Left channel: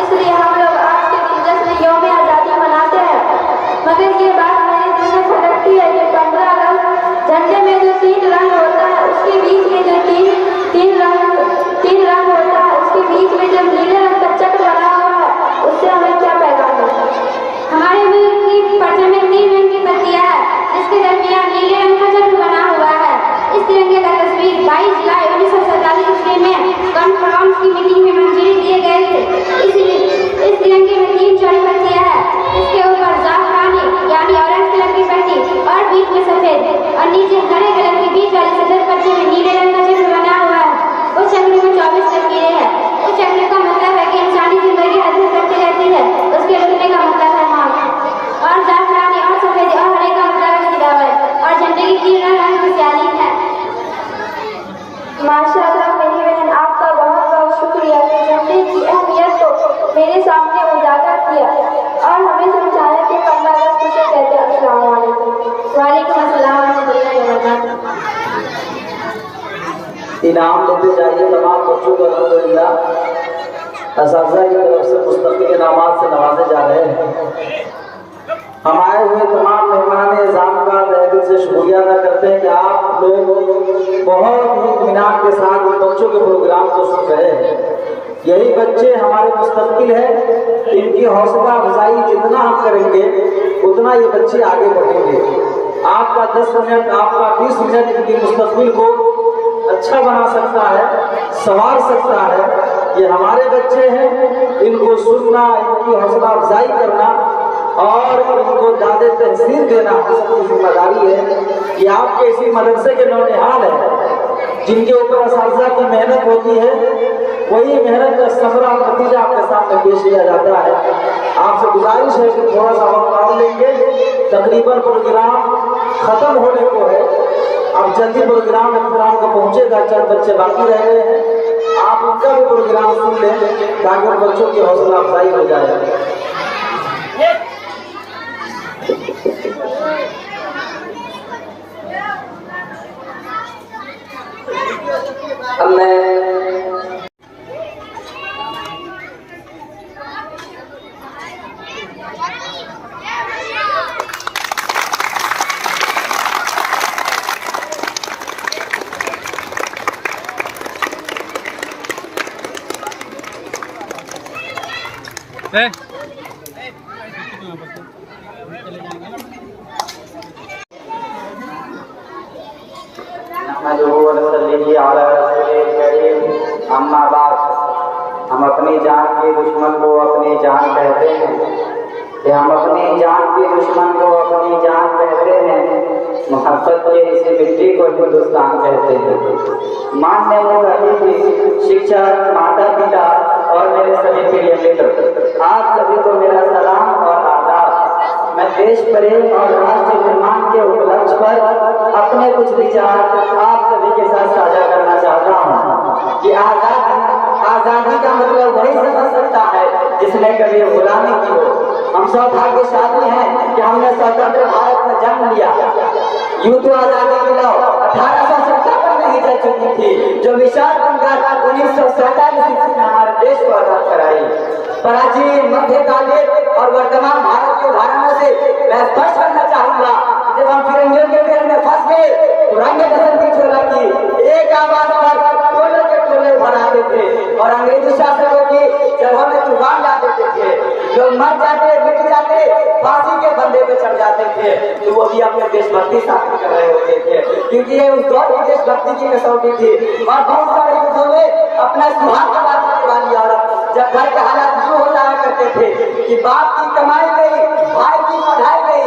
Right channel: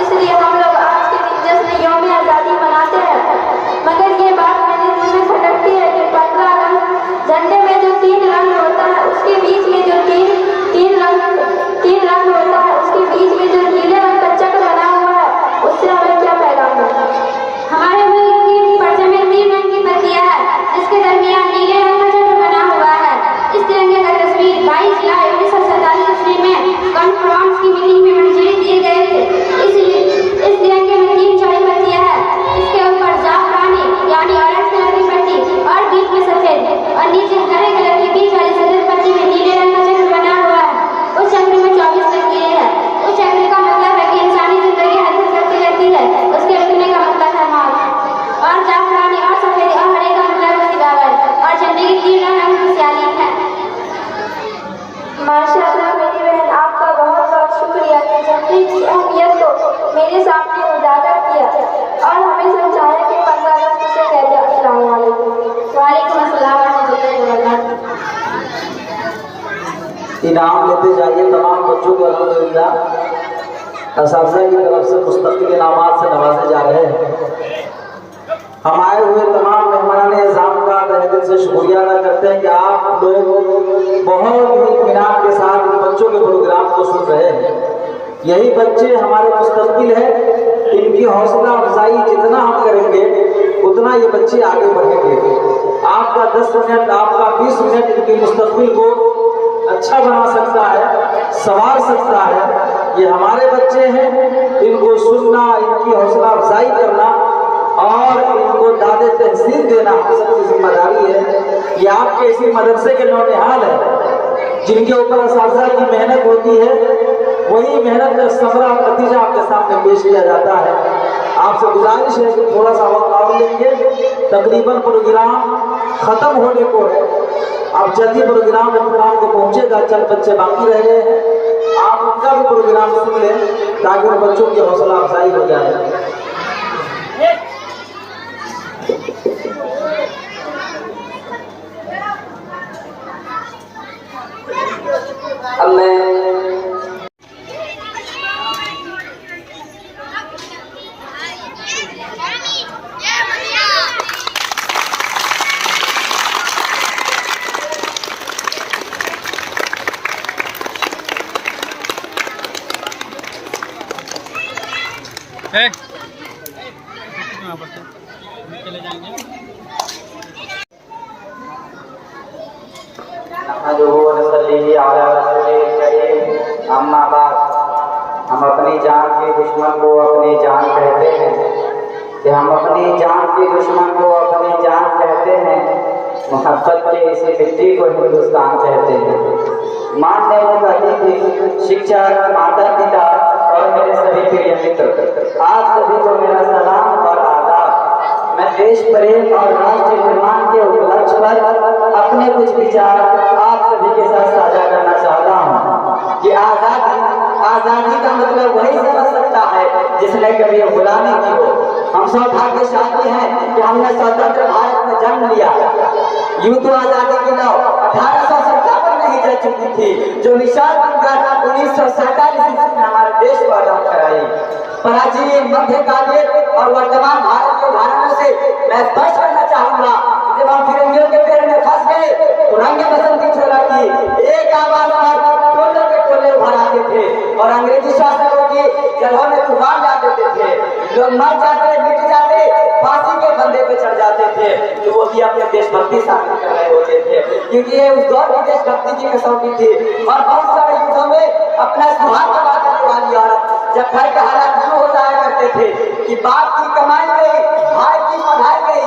इसलिए हम लोग आज के दिन जश्न यौम आज़ादी मनाते हैं। मगर ये बात मेरे दिल में खटकती है कि 15 अगस्त झंडे में जो 3 रंग होता है, उसके बीच में जो तीन रंग होता है, उसके बीच में जो नीले रंग का चक्र बना हुआ है, उससे हमें क्या पैगाम है? हमारे मुल्क की पर्चे में 3 रंग की पत्तियां हैं, जिसके दरमियान नीले रंग का चक्र बना हुआ है। इस तिरंगे का तस्वीर 22 जुलाई 1947 ईस्वी में कॉन्फ्रेंस की मीटिंग में मंजूरी दिए गए थे। इस तिरंगे में 3 चौड़ी पत्तियां हैं, इसके ऊपर जाफरानी यानी ऑरेंज कलर की पट्टी और बीच में सफेद और नीचे हरे कलर की बीच वाली सफेद पट्टी में नीले रंग का चक्र बना हुआ है। उस चक्र में 24 लकीरें हैं। उस चक्र का मतलब है कि इंसानी जिंदगी हरकत करती रहती है, उसके रुकने का मतलब है मौत। और जाफरानी और सफेद और हरे का मतलब है हिदायत और झंडे की 3 रंग खुशहाली है। माशाअल्लाह मेरी बहन, आपका बहुत बहुत शुक्रिया कि झंडे की अहमियत को मेरे सामने उजागर किया और हमें समझाया कि 15 अगस्त किसे कहते हैं। अस्सलाम वालेकुम। वालेकुम अस्सलाम रहमतुल्लाहि व बरकातहू। इनाम लेते जाइए तमाम बच्चों को अल्हम्दुलिल्लाह असातिज़ा की तरफ से मुस्तक़िल इनामात से नवाजे जा रहे हैं। हम आए हुए तमाम मेहमान निज़ाम का तहे दिल से शुक्रिया अदा करते हैं कि आप लोग बहुत ही इत्मीनान के साथ इन बच्चों के प्रोग्राम को सुन रहे हैं। यही बच्चे हमारे मुस्तक़बिल है, इनकी हौसला अफजाई जितना हम करेंगे उतना ये बच्चे आगे बढ़ेंगे। आपका 10 मिनट, आपका 20 मिनट इनकी मुस्तक़बिल को अच्छा बना सकता है, संवार सकता है। ये हमारे बच्चे हैं, इनको सुनना, इनकी हौसला अफजाई करना और इनको दादे तहसील देना सबकी जिम्मेदारी है। ये आपके इसी मदरसे के नौनिहाल है जिनके ऊपर असातिज़ा की मेहनत होती है, वही मेहनत का समरा और नतीजा आपके सामने पेश किया जाता है। आपसे गुजारिश है कि थोड़ा सा वक्त और लेंगे, तकरीबन प्रोग्राम ख़त्म होने को है। अब जल्दी प्रोग्राम को पहुँचेगा, चंद बच्चे बाकी रह गए हैं, आप उनका भी प्रोग्राम सुन लें ताकि उन बच्चों की हौसला अफजाई हो जाए। चले जाएंगे। हम अपनी जान के दुश्मन को अपनी जान कहते हैं, कि हम अपनी जान के दुश्मन को अपनी जान कहते हैं। मोहब्बत के इसी मिट्टी को हिंदुस्तान कहते हैं। मानने वाली शिक्षक, माता पिता और मेरे सभी प्रिय मित्र, आप सभी को मेरा सलाम और आदाब। मैं देश प्रेम और राष्ट्र निर्माण के उपलक्ष्य पर अपने कुछ विचार आप सभी के साथ साझा करना चाहता हूँ कि आज़ादी का मतलब वही समझ सकता है जिसने कभी गुलामी की हो। हम सौभाग्यशाली हैं कि हमने स्वतंत्र भारत में जन्म लिया। यूं तो आज़ादी की लौ 1857 में ही जल चुकी थी, जो मिसाल बनकर 1947 ईस्वी में हमारे देश को आजाद कराई। प्राचीन, मध्यकालीन और वर्तमान भारत के उदाहरणों से मैं स्पष्ट करना चाहूंगा, जब हम फिरंगियों के पैर में फंस गए तो रंगे बसंती चोला की एक आवाज पर टोले के टोले उभर आते थे और अंग्रेजी शासकों की जगह में तूफान ला देते थे। लोग मर जाते, मिट जाते, फांसी के फंदे पे चढ़ जाते थे, तो वो भी अपने देशभक्ति साबित कर रहे होते थे, क्योंकि ये उस दौर की देशभक्ति की कसौटी थी। और बहुत सारे युद्धों में अपना सुहाग गवा देने वाली औरत, जब घर के हालात यूं हो जाया करते थे कि बाप की कमाई गई, भाई की पढ़ाई गई,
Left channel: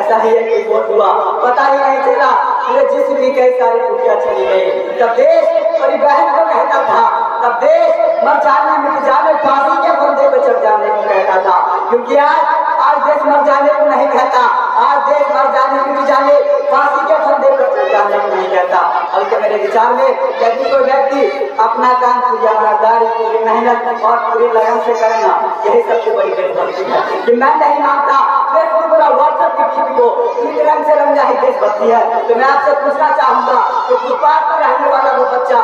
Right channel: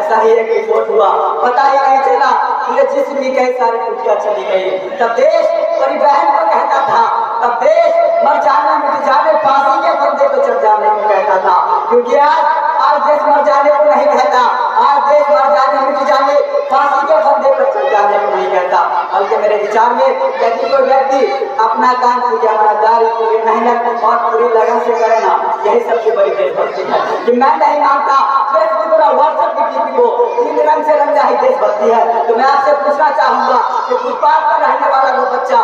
ऐसा ही एक विस्फोट हुआ, पता ही नहीं चला, पूरे जिस्म की कई सारी टुकड़ियां चली गई। तब देश मेरी बहन को कहता था, तब देश मर जाने, मिट जाने, फांसी के फंदे पे चढ़ जाने को कहता था, क्योंकि आज देश मर जाने को नहीं कहता, आज देश मर जाने, मिट जाने, फांसी के फंदे पर चढ़ जाने को नहीं कहता, बल्कि मेरे विचार में यदि कोई व्यक्ति अपना काम पूरी ईमानदारी, पूरी मेहनत और पूरी लगन से करेगा, यही सबसे बड़ी देशभक्ति है। कि मैं नहीं मानता फेसबुक और व्हाट्सएप की टीवी को तीन रंग से रंगा ही देशभक्ति है। तो मैं आपसे पूछना चाहूंगा कि फुटपाथ पर रहने वाला वो बच्चा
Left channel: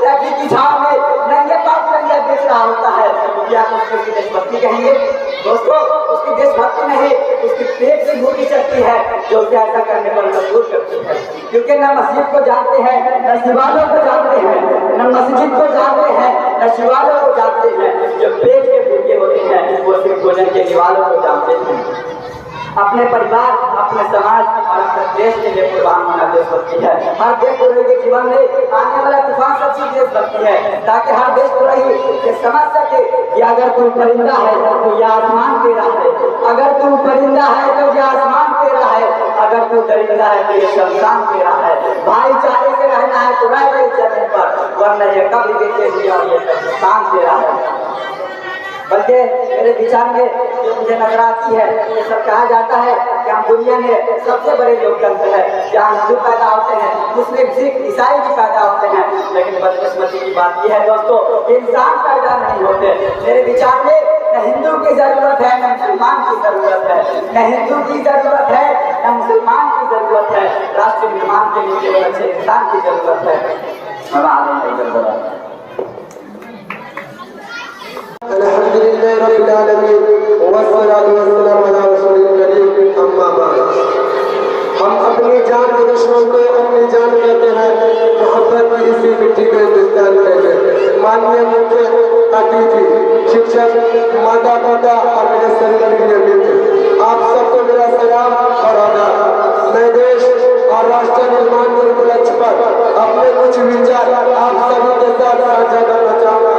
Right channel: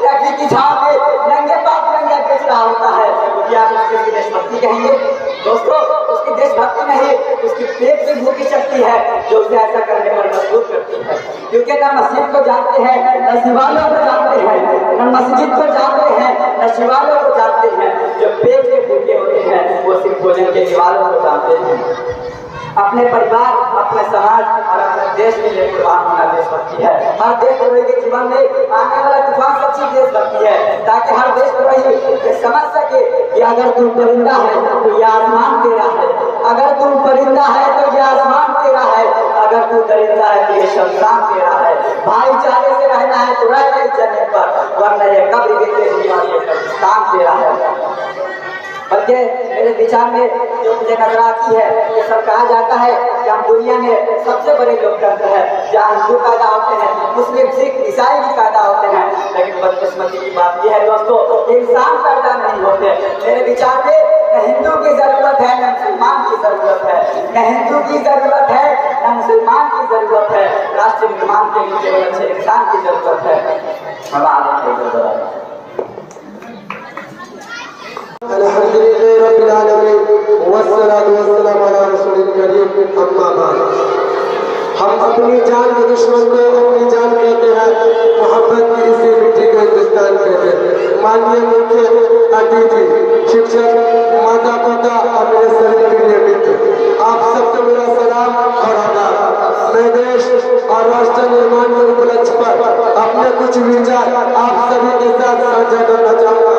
ट्रैफिक की झाड़ में नंगे पाँव तिरंगा बेच रहा होता है, क्या उसकी उसकी देशभक्ति कहेंगे? दोस्तों, उसकी देशभक्ति नहीं, उसकी पेट की भूखी शक्ति है जो उसे ऐसा करने पर मजबूर करती है। क्योंकि न मस्जिद को जानते हैं, न शिवालयों को जानते हैं, न मस्जिद को जानते हैं, न शिवालयों को जानते हैं। जो पेट के भूखे होते हैं वो सिर्फ भोजन के शिवालयों को जानते हैं। अपने परिवार, अपने समाज और अपने देश के लिए कुर्बान होना देशभक्ति है। हर देशद्रोही के जीवन में आने वाला तूफान सच्ची देशभक्ति है, ताकि हर देशद्रोही ये समझ सके कि अगर तुम परिंदा है तो यह आसमान तेरा है, अगर तुम परिंदा है तो यह आसमान तेरा है, अगर तू दरिंदा है तो यह शमशान तेरा है। भाईचारे से रहना है तो रह गई जमीन पर, वरना ये कब्र भी तेरी और ये कब्रिस्तान तेरा है। बल्कि मेरे विचार में जो मुझे नजर आती है, ये सब कहा जाता है कि हम दुनिया में सबसे बड़े लोकतंत्र है, जहाँ हिंदू पैदा होते हैं, मुस्लिम, सिख, ईसाई भी पैदा होते हैं। लेकिन बदकिस्मती की बात यह है दोस्तों कि इंसान पैदा नहीं होते। मेरे विचार में न हिंदू की जरूरत है, न मुसलमान की जरूरत है, न हिंदू की जरूरत है, न मुसलमान की जरूरत है। राष्ट्र निर्माण के लिए केवल अच्छे इंसान की जरूरत है। अल्हम्दुलिल्लाह रब्बिल आलमीन वस्सलातु वस्सलामु अला रसूलिल करीम, अम्मा बाद। हम अपनी जान के दुश्मन को अपनी जान कहते हैं, मोहब्बत की इसी मिट्टी को हिंदुस्तान कहते हैं। माननीय मुख्य अतिथि, शिक्षक, माता पिता और मेरे सभी प्रिय मित्र, आप सबको मेरा सलाम और आदाब। मैं देश और राष्ट्र निर्माण के उपलक्ष्य पर अपने कुछ विचार आप सभी के साथ साझा करना चाहूँगा।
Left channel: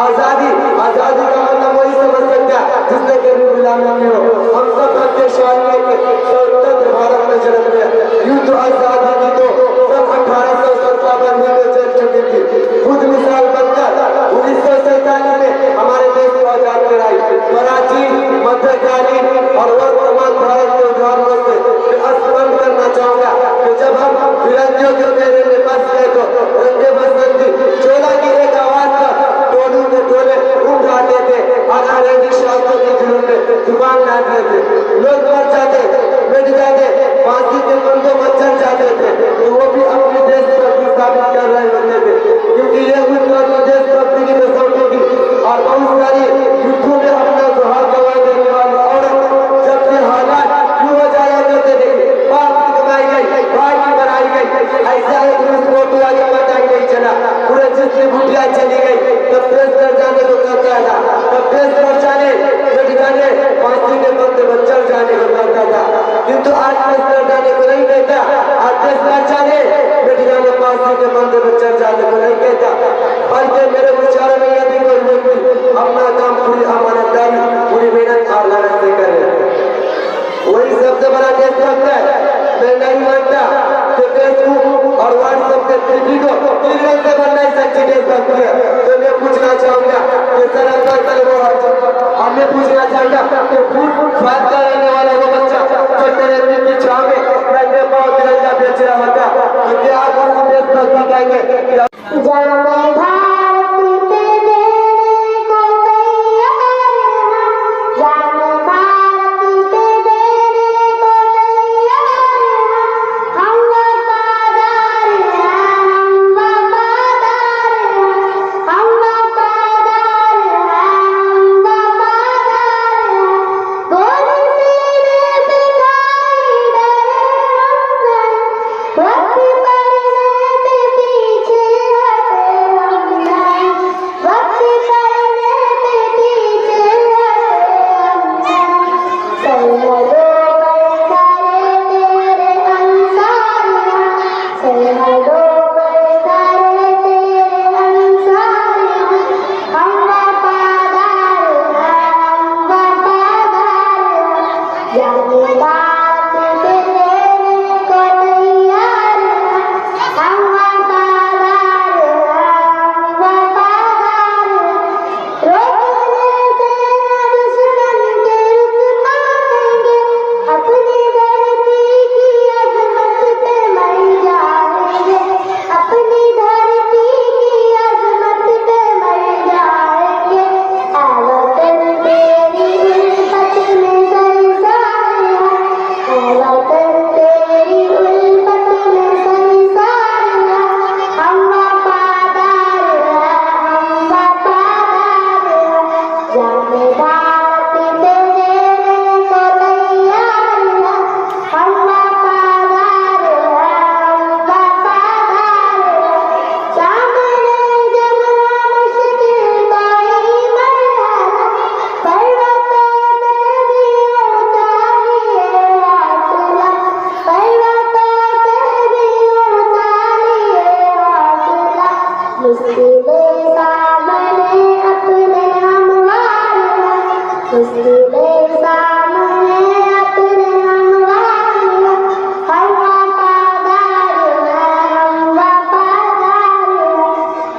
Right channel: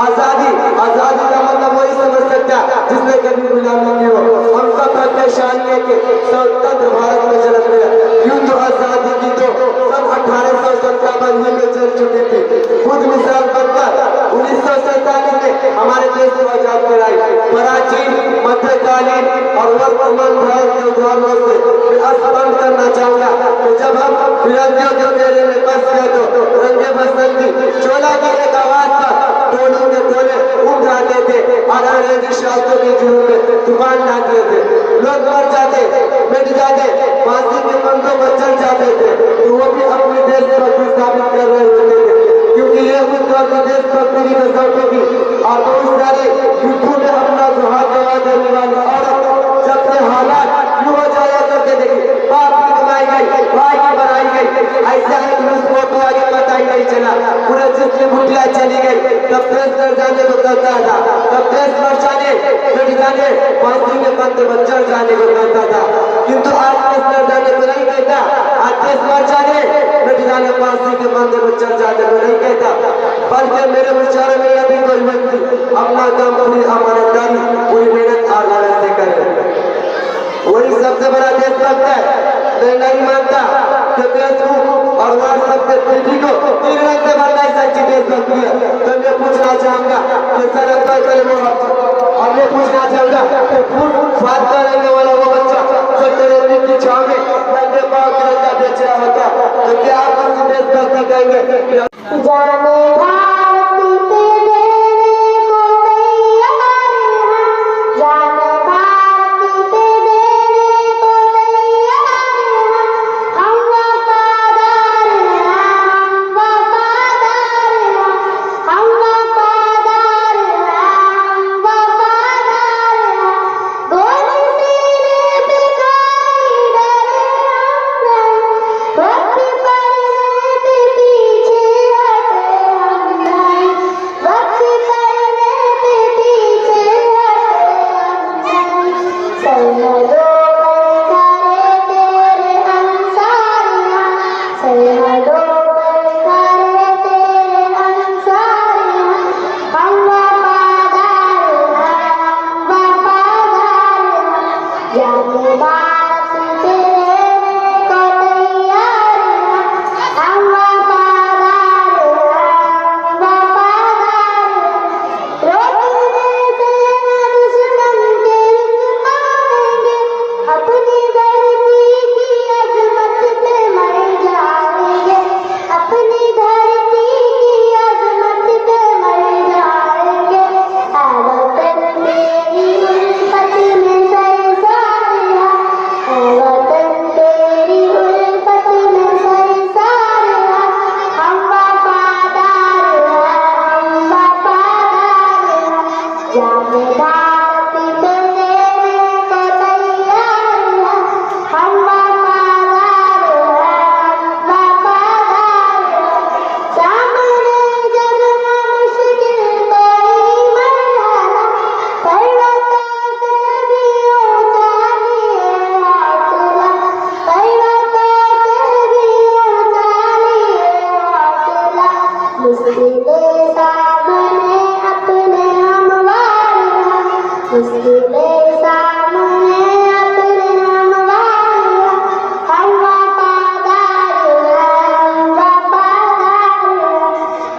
आजादी का मतलब वही समझ सकता जिसने कभी गुलामी की हो। हम सब भाग्यशाली के स्वतंत्र भारत में जन्म लिया। युद्ध आजादी की तो सन 1857 में चल चुकी थी। खुद मिसाल बनकर 1947 में हमारे देश को आजाद कराई। प्राचीन, मध्यकालीन और वर्तमान भारत के उदाहरणों से स्पष्ट करना चाहूंगा कि जब हम तिरंगे के मेले में बस गए तो रंगे बसंती चोला की एक आवाज पर टोलू के टोले उठ जाते थे और अंग्रेजी शासकों के जुर्म में तूफान लाते थे। लोग मर जाते, मिट जाते, फांसी के बंदों पर चढ़ जाते थे, तो वो भी अपनी देशभक्ति साबित कर रहे होते थे, क्योंकि ये उस तरह की देशभक्ति की कसौटी थी। और बहुत सारी युद्धों में अपना सुहाग गंवा देने वाली औरत जब ये हालात क्यों हो जाया करते थे, बाप की कमाई गई, भाई की बनाई गई, ऐसा है कि उसको भी आगे पता ही नहीं चला। पूरे जिसकी भुटिया चली गई, तब देश मर जाने को कहता था, तब देश मर जाने, मिट जाने, फांसी में बंद बच्चर जाने को कहता था। किंतु आज देश मर जाने को नहीं कहता, आज देश मर जाने, मिट जाने, फांसी के बंद बच्चर जाने को नहीं कहता। बल्कि मेरे विचार में यदि कोई व्यक्ति अपना काम पूरी अमानतदारी, पूरी मेहनत और लगन से करे, वही सबसे बड़ा देशभक्त है। मैं नहीं मानता कि फेसबुक और व्हाट्सएप के पीढ़ी को तीन रंग से बनना ही सच्ची देशभक्ति है। तो मैं पूछना चाहूंगा कि सर और मैं पूछना चाहूंगा कि फूल स्वाद का लेने वाला वो बच्चा जो तेरे दिल की छाव में रंगे पाव तिरंगा बेच रहा होता, तो क्या आप उसी देशभक्ति कहेंगे? जाने भारत तेरे को तैयार हम, जाने भारत तेरे को तैयार हम वफादार हैं, हम वफादार हैं, हम वफादार हैं, हम वफादार जाने भारत तेरे को तैयार है, हम वफादार है, हम वफादार है। सामने जब मुश्किल कोई मरहला, पर्वतों से भी ऊंचा लिए हौसला, पर्वतों से भी ऊंचा लिए हौसला। मुश्किलें सामने अपने हमवार है, मुश्किलें सामने अपने हमवार है, हम वफादार है, हम वफादार है।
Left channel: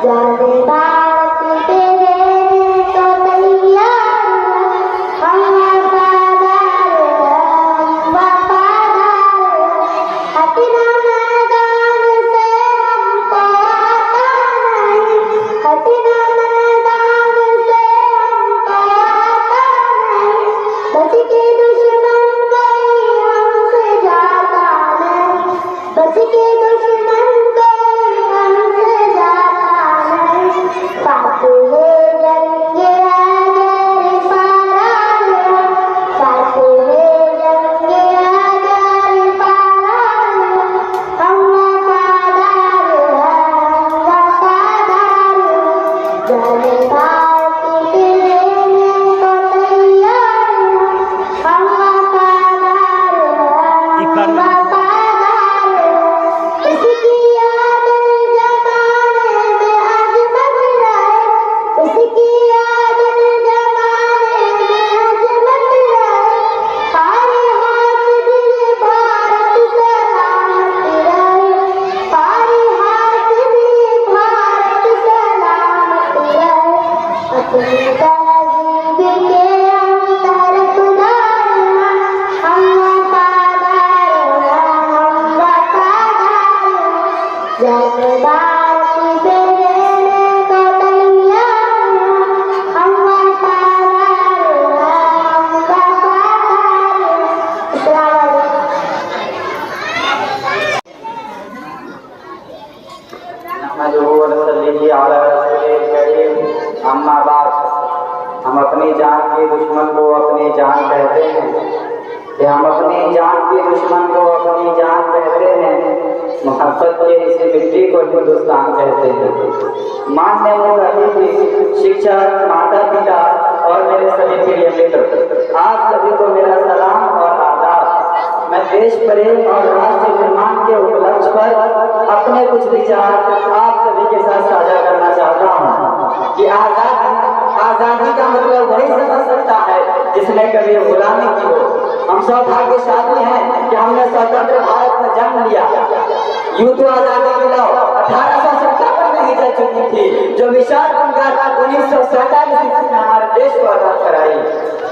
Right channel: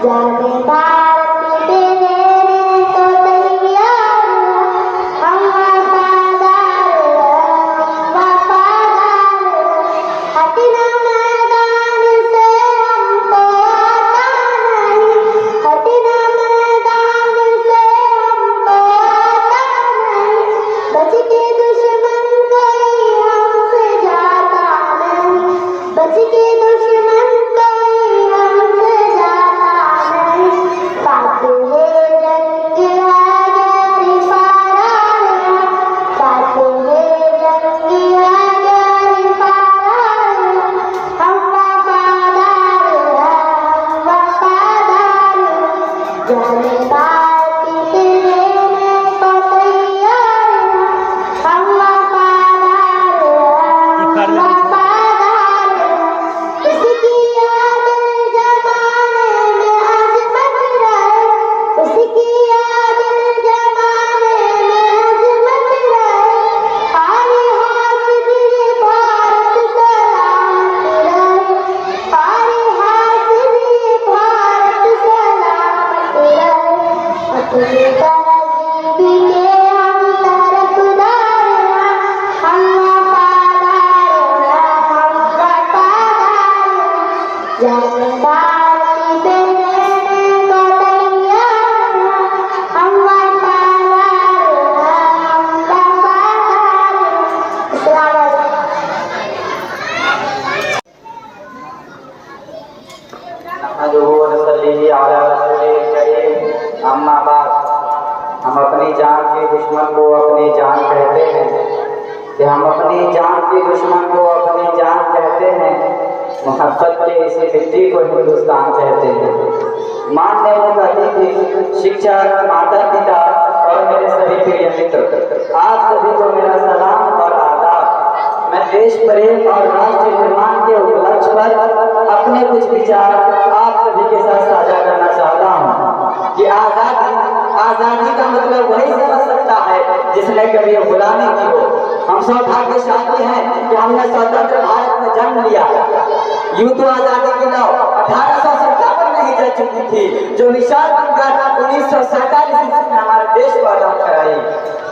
जाने भारत तेरे को तैयार है, हम वफादार है, हम वफादार है। हटना मैदान से हमको आता नहीं, हटना मैदान से हमको आता नहीं। बच के दुश्मन कोई हमसे जाता नहीं, बच के दुश्मन कोई हमसे जाता नहीं। साथ है जंग अगर फरार है, साथ है जंग अगर फरार है, हम वफादार है, हम वफादार है। जाने भारत तेरे को तैयार है, हम वफादार है, हम वफादार है। उसकी आदत जमाने में अजमत रहे, उसकी आदत जमाने में अजमत रहे। सारे हौसले भारत सलामत रहे, सारे हौसले भारत सलामत रहे। अपनी तहजीब के हम तरफदार हैं, हम वफादार हैं, हम वफादार हैं। जाने भारत तेरे को तैयार है, हम वफादार हैं, हम वफादार हैं। अस्सलाम वालेकुम। नहमदुहु व नसल्ली अला रसूलिल करीम, अम्मा बाद। हम अपनी जान के दुश्मन को अपनी जान कहते हैं, कि हम अपनी जान के दुश्मन को अपनी जान कहते हैं। मोहब्बत के इसी मिट्टी को हिंदुस्तान कहते हैं। मानने वाले अतिथि, शिक्षक, माता पिता और मेरे सभी प्रिय मित्र, आप सभी को मेरा सलाम और आदाब। मैं देश प्रेम और राष्ट्र निर्माण के उपलक्ष्य पर अपने कुछ विचार आप सभी के साथ साझा करना चाहता हूँ कि आजादी का मतलब वही समझ सकता है जिसने कभी गुलामी की हो। हम सौभाग्यशाली हैं कि हमने स्वतंत्र भारत में जन्म लिया। यूं तो आजादी की लौ 1857 में ही जल चुकी थी, जो विशाल बनकर 1947 ईस्वी में हमारे देश को आजाद कराई।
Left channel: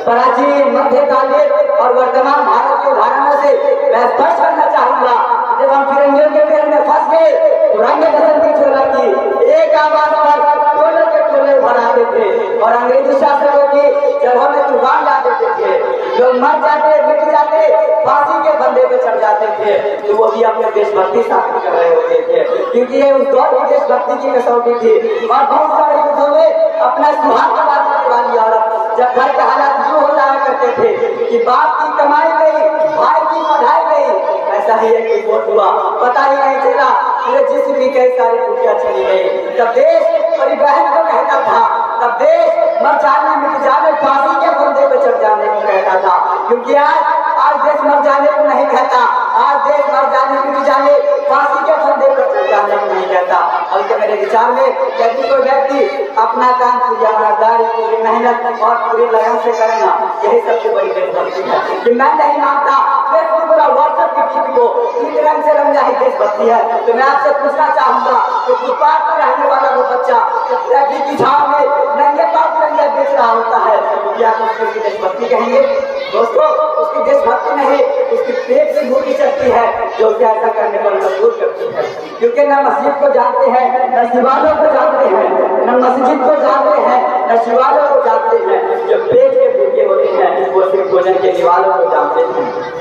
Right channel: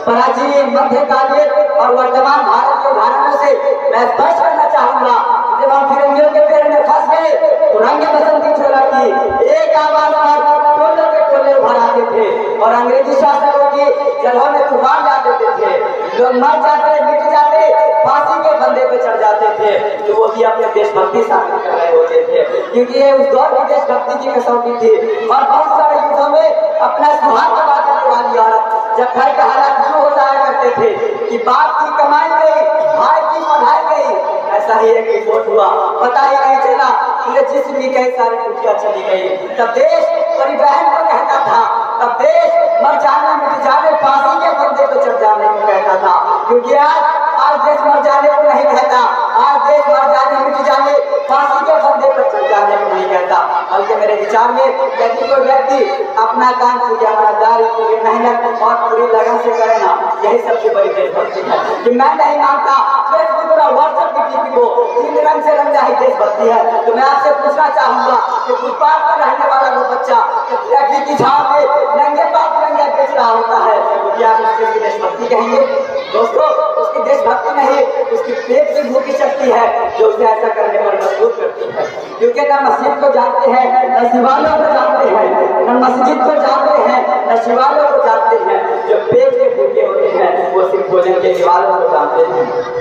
प्राचीन, मध्यकालीन और वर्तमान भारत के उदाहरणों से मैं स्पष्ट करना चाहूंगा, जब हम फिरंगियों के फेर में फंस गए तो रंग बसंती चोला की एक आवाज पर टोले के टोले उभर आते थे और अंग्रेजी शासकों की जगहों में तूफान ला देते थे। लोग मर जाते, मिट जाते, फांसी के फंदे पे चढ़ जाते थे, तो वो भी अपने देशभक्ति साबित कर रहे होते थे, क्योंकि ये उस दौर की देशभक्ति की कसौटी थी। और बहुत सारे युद्धों में अपना सुहाग बना देने वाली औरत, जब घर के हालात यूं हो जाया करते थे कि बाप की कमाई गई, भाई की पढ़ाई गई, ऐसा ही एक रिपोर्ट हुआ, पता ही नहीं चला पूरे जिस्म की कई सारी टुकड़ियां चली गई। तब देश परिवहन को कहता था, तब देश मर जाने, मिट जाने, फांसी के फंदे पे चढ़ जाने को कहता था। क्योंकि आज देश मर जाने को नहीं कहता, आज देश मर जाने, मिट जाने, फांसी के फंदे पे चढ़ जाने को नहीं कहता। बल्कि मेरे विचार में यदि कोई व्यक्ति अपना काम पूरी ईमानदारी, पूरी मेहनत और पूरी लगन से करेगा, यही सबसे बड़ी देशभक्ति है। कि मैं नहीं मानता फेसबुक और व्हाट्सएप की डीपी को तीन रंग से रंगा ही देशभक्ति है, तो मैं आपसे पूछना चाहूंगा कि फुटपाथ पर रहने वाला वो बच्चा ट्रैफिक की झाड़ में नंगे पाँव तिरंगा बेच रहा होता है, तो क्या उसकी देशभक्ति कहेंगे? दोस्तों, उसकी देशभक्ति नहीं, उसकी पेट की भूखी शक्ति है जो उसे ऐसा करने पर मजबूर करती है। क्योंकि न मस्जिद को जानते हैं, न शिवालयों को जानते हैं, न मस्जिद को जानते हैं, न शिवालयों को जानते हैं। जो पेट के भूखे होते हैं वो सिर्फ भोजन के शिवालयों को जानते हैं।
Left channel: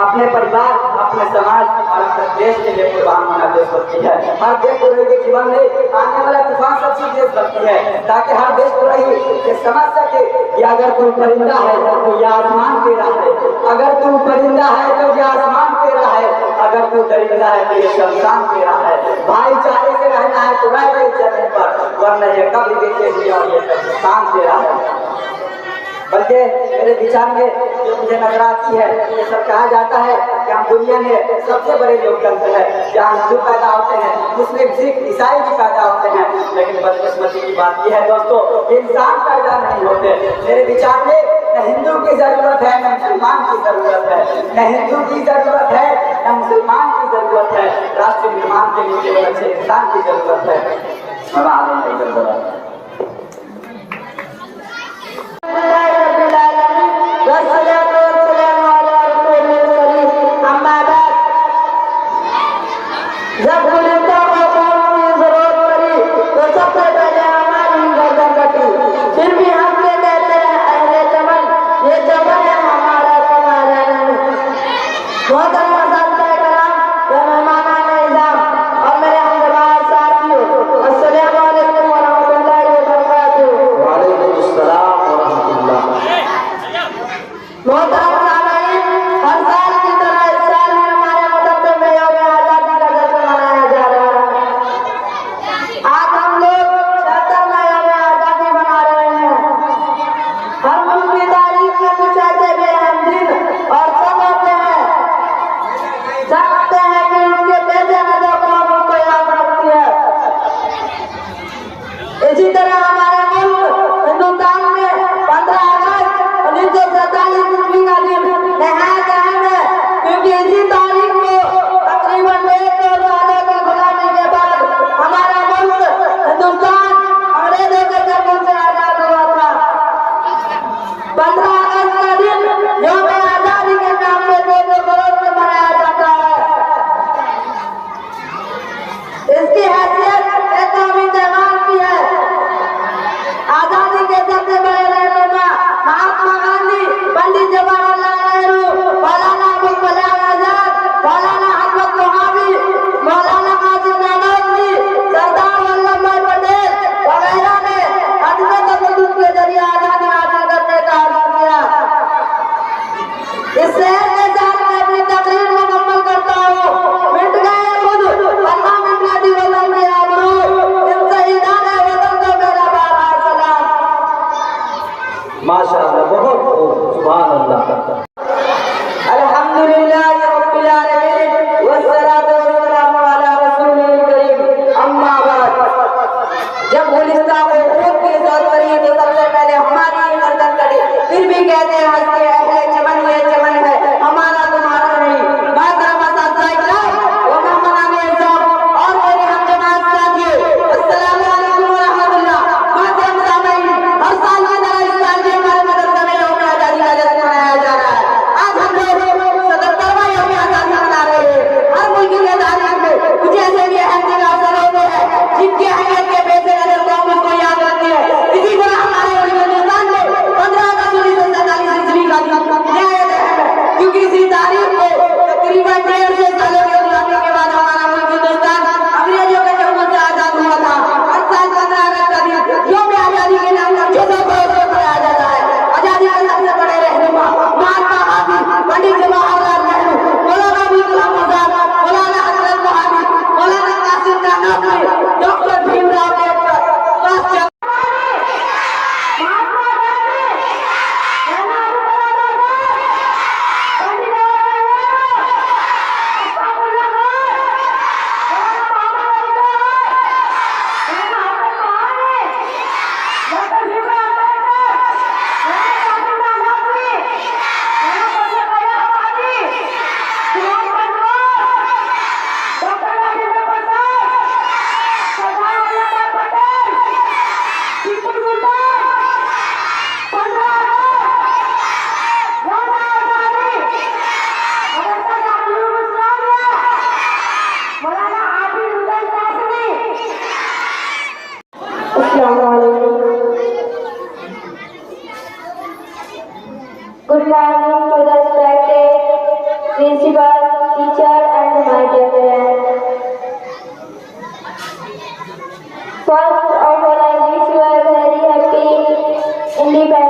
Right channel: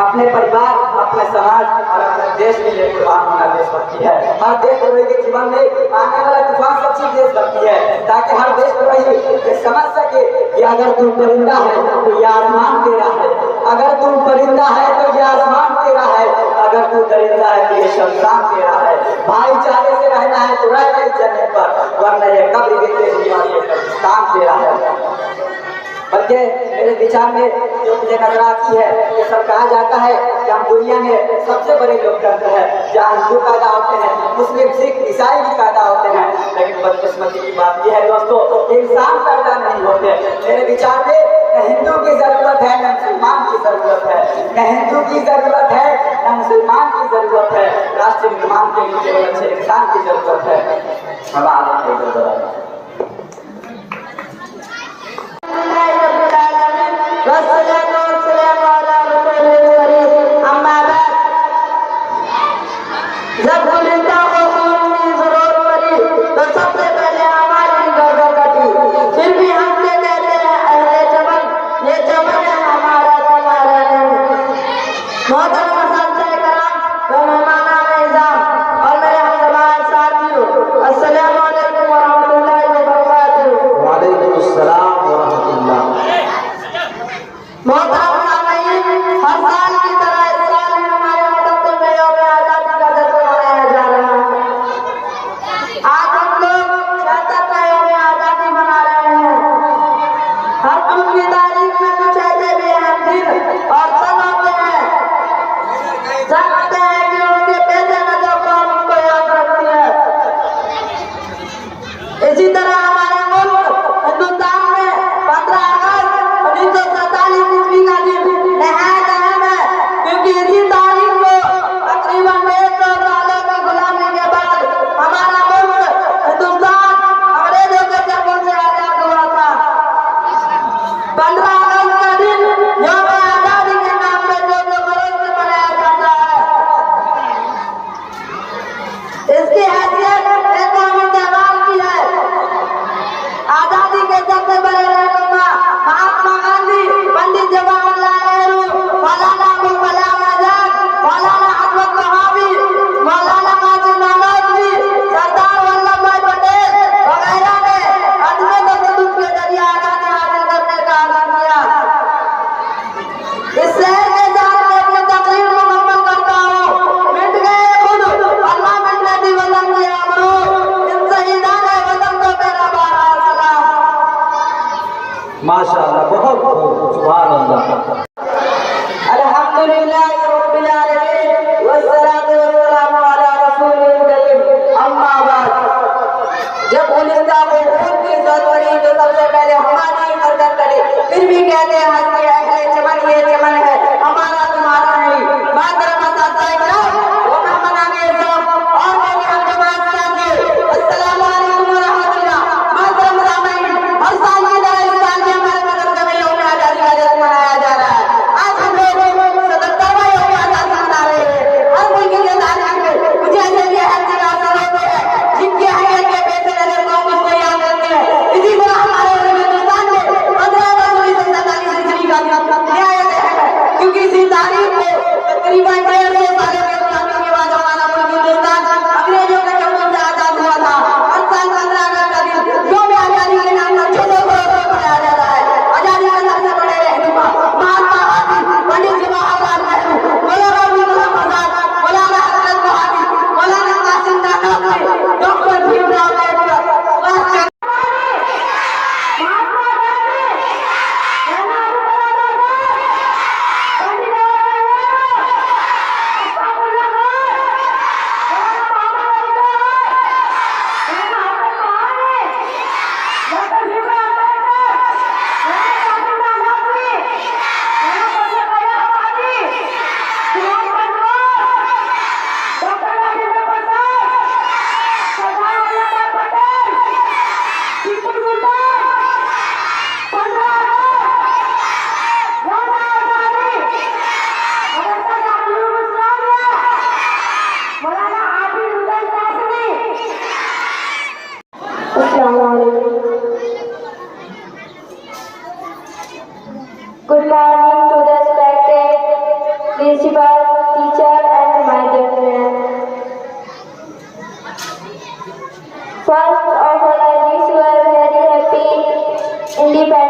अपने परिवार, अपने समाज और अपने देश के लिए कुर्बान होना देशभक्ति है। हर देशद्रोही के जीवन में आने वाला तूफान सच्ची देशभक्ति है, ताकि हर देशद्रोही ये समझ सके अगर तू परिंदा है तो ये आसमान तेरा है, अगर तू परिंदा है तो ये आसमान तेरा है, अगर तू दरिंदा है तो ये शमशान तेरा है। भाईचारे से रहना है तो रह गए जमीन पर, वरना ये कब्र भी तेरी और ये कब्रिस्तान तेरा है। बल्कि मेरे विचार में जो मुझे नजर आती है, ये सब कहा जाता है कि हम दुनिया में सबसे बड़े लोकतंत्र है, जहाँ हिंदू पैदा होते हैं, मुस्लिम, सिख, ईसाई भी पैदा होते हैं, लेकिन बदकिस्मती की बात यह है दोस्तों कि इंसान पैदा नहीं होते। मेरे विचार में न हिंदू की जरूरत है न मुसलमान की जरूरत है, न हिंदू की जरूरत है न मुसलमान की जरूरत है, राष्ट्र निर्माण के लिए केवल अच्छे इंसान की जरूरत है। जब गुलिस्ता का कौन की जरूरत पड़ी तो सबसे पहले हमारी गर्दन कटी, फिर भी हमने कहते हैं अहले चमन, ये चमन है हमारा तुम्हारा नहीं। मोहतरम असातिज़े-ए-किराम, मेहमानान इज़्ज़ात और मेरे हमदर्द साथियों, अस्सलामु अलैकुम व रहमतुल्लाहि व बरकातुहू। वालेकुम अस्सलाम व रहमतुल्लाह। मोहतरम सामईन, हर साल की तरह इस साल भी हमारे मुकद्दम में यौम आज़ादी का जश्न मनाया जा रहा है। आज हम लोग 76वां यौम आज़ादी मना रहे हैं। हर मुल्क की तारीख में कुछ ऐसे बेरहम दिन और सब होते हैं, जानते हैं कि उनके बेटे में जो कौम उनको याद रखती है। इसी तरह हमारे मुल्क हिंदुस्तान में 15 अगस्त 1947 ईस्वी का दिन नहायत अहम है, क्योंकि इसी तारीख को तकरीबन 150 सालों की गुलामी के बाद हमारा मुल्क हिंदुस्तान अंग्रेजों के दखल से आजाद हुआ था। 15 अगस्त का दिन यौम आजादी के नाम पे जो गौरव से मनाया जाता है, इसकी हैसियत एक कौमी त्योहार की है। आजादी के सबसे बड़े रहनुमा महात्मा गांधी, पंडित जवाहरलाल नेहरू, मौलाना अबुल कलाम आजाद, मौलाना अहमद वहाबी, मौलाना कासिम नानवी, सरदार वल्लभ भाई पटेल वगैरह ने अदम तशद्दुद के जरिए आजादी हासिल करने का आज़म किया। इस शहर के साथ मैं अपनी तकरीर मुकम्मल करता हूँ। मिट गए खुद अल्लाह मिटने दी वतन के आबरू, इन शहीदाने वतन को मेरा बारहा सलाम। माशाअल्लाह, बहुत खूब, सुभान अल्लाह। अल्हम्दुलिल्लाह रब्बिल आलमीन वस्सलातु वस्सलामु अला रसूलिल करीम, अम्मा बाद। जब गुलिस्तान को खूब की जरूरत पड़ी तो सबसे पहले हमारी गर्दन कटी, फिर भी कहते हैं हंस के अहले चमन, ये चमन है हमारा तुम्हारा नहीं। मोहतरम असातिज़े-ए-किराम व मेहमानान इज़्ज़ात और मेरे हमदर्द साथियों, अस्सलामु अलैकुम व रहमतुल्लाह। मोहतरम सामईन, हर साल की तरह इस साल भी हमारे मदरसे में यौम आज़ादी का जश्न मनाया जा रहा है। आज हम लोग 77वां यौम आज़ादी मना रहे हैं। हर मुल्क की तारीख में कुछ ऐसे भी अहम दिन हासिल होते हैं जिनकी अहमियत के पेश नजर कौम उसको याद रखती है। इसी तरह हमारे हिंदुस्तान में 15 अगस्त 1947 ईस्वी का दिन नहायत अहम है, क्योंकि इसी तारीख को तकरीबन 150 सालों की गुलामी के बाद हमारा मुल्क हिंदुस्तान अंग्रेजों के दखल से आजाद हुआ था। हर साल 15 अगस्त का दिन यौम आजादी के नाम पर छोटे छोटे मनाया जाता है। आजादी के सबसे बड़े रहनुमा महात्मा गांधी, पंडित जवाहरलाल नेहरू, मौलाना अबुल कलाम आजाद, मौलाना Hazrat Wahabi, Maulana Qasim Nanavi, doctor Bhimrao Ambedkar, Subhash Chandra Good morning to the respected principal, teacher and my dear friends. First of all, I wish you a very happy Independence